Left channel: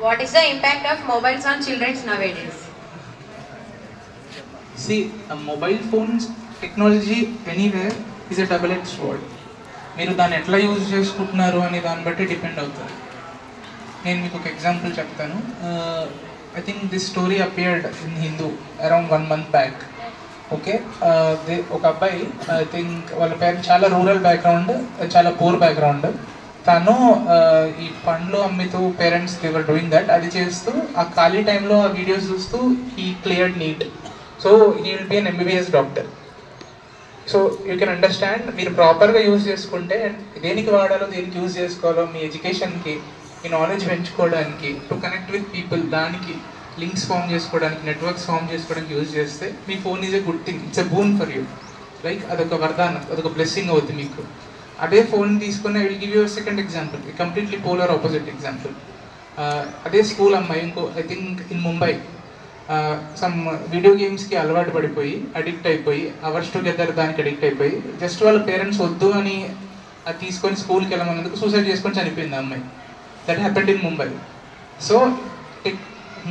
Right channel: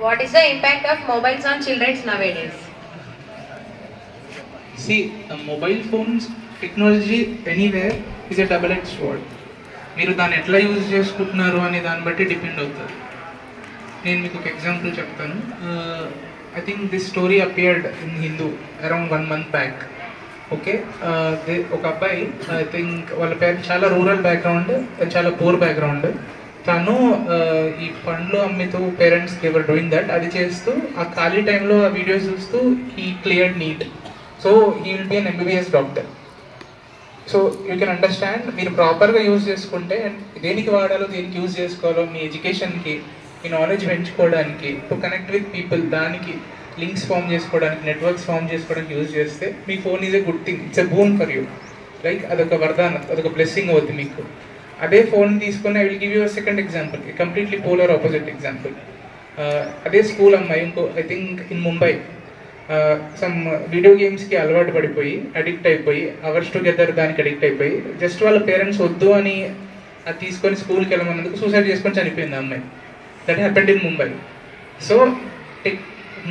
What is the impact of mobiles on children nowadays? See, mobile phones technology anywhere is a double-edged sword. మీరు దాన్ని ఎట్లా use చేసుకుంటున్నారు అనే దాన్ని బట్టి డిపెండ్ అవుతుంది. నేను మీకు ఒక ఎగ్జాంపుల్ చెప్తాను. I think this story appeared in Hindu around 1 month back. Okay, ఒక అబ్బాయి, ఐ థింక్ వాళ్ళ పేరెంట్స్ చాలా రూరల్ బ్యాక్గ్రౌండ్, చాలా పూర్ బ్యాక్గ్రౌండ్. తను ఈ పండ్లు అమ్ముతూ పేరెంట్స్ దేవర్ డూయింగ్ దట్, అది చేస్తూ ఆ ఖాళీ టైంలో ఆ వీడియోస్ చూస్తూ he cleared NEET. So he will be an MBBS doctor. So you can understand, మీరు ప్రాపర్గా యూజ్ చేసుకుంటే దేనికి వాడాలో, దేనికి యూజ్ చేసుకోవాలో, మీ ఎడ్యుకేషన్కి, మీ నాలెడ్జ్ పెంచుకోవడానికి, టు కనెక్ట్ విత్ పీపుల్, దానికి లింక్స్ ఫామ్ చేసుకోవడానికి, నెట్వర్క్స్ ఫామ్ చేసుకోవడానికి యూజ్ చేస్తే మీ phone is a good thing. It's a boom for you. Like అదొక వరదానం, అదొక బ్లెస్సింగ్ అవుతుంది మీకు. అదే ఫోన్ తీసుకొని I will give you second example, completely polar opposite example. అదే స్కూల్ అమ్మాయి, ఇంకో I think in Mumbai, some video గేమ్స్కి అలవాటు పడిపోయి, అడిక్ట్ అయిపోయి, అవర్స్ టుగెదర్ దానికి అడిక్ట్ అయిపోయి, జస్ట్ వాళ్ళ పేరెంట్స్ వద్దు అని అది తీసుకొని స్కూల్కి వెళ్ళమన్నందుకు సూసైడ్ చేసుకొని చనిపోయింది ఆ అమ్మాయి. That happened in Mumbai. So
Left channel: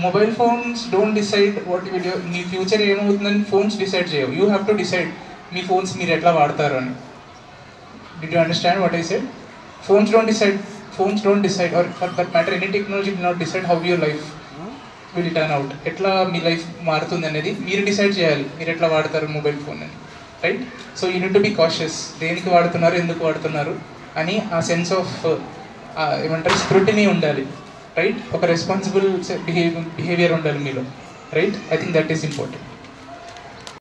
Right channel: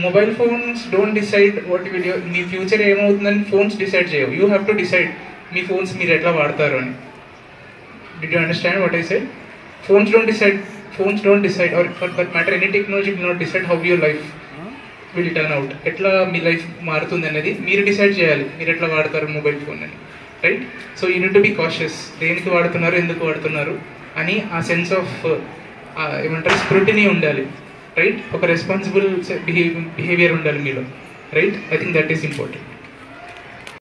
mobile phones don't decide what video, మీ ఫ్యూచర్ ఏమవుతుందని ఫోన్స్ డిసైడ్ చేయవు. యూ హ్యావ్ టు డిసైడ్ మీ ఫోన్స్ మీరు ఎట్లా వాడతారు అని. Did you understand what I said? Phones don't decide, or for that matter any technology will not decide how your life will turn out. ఎట్లా మీ life మారుతుంది అనేది మీరు డిసైడ్ చేయాలి, మీరు ఎట్లా వాడతారు మొబైల్ ఫోన్ అని, right? So you need to be cautious, దేనికి వాడుతున్నారు, ఎందుకు వాడుతున్నారు అని ఆ సెన్స్ ఆఫ్ ఏమంటారు స్క్రూటినీ ఉండాలి, రైట్? ఒక రెస్పాన్సిబుల్ బిహేవియర్ ఉండాలి మీలో, right? I think that is important.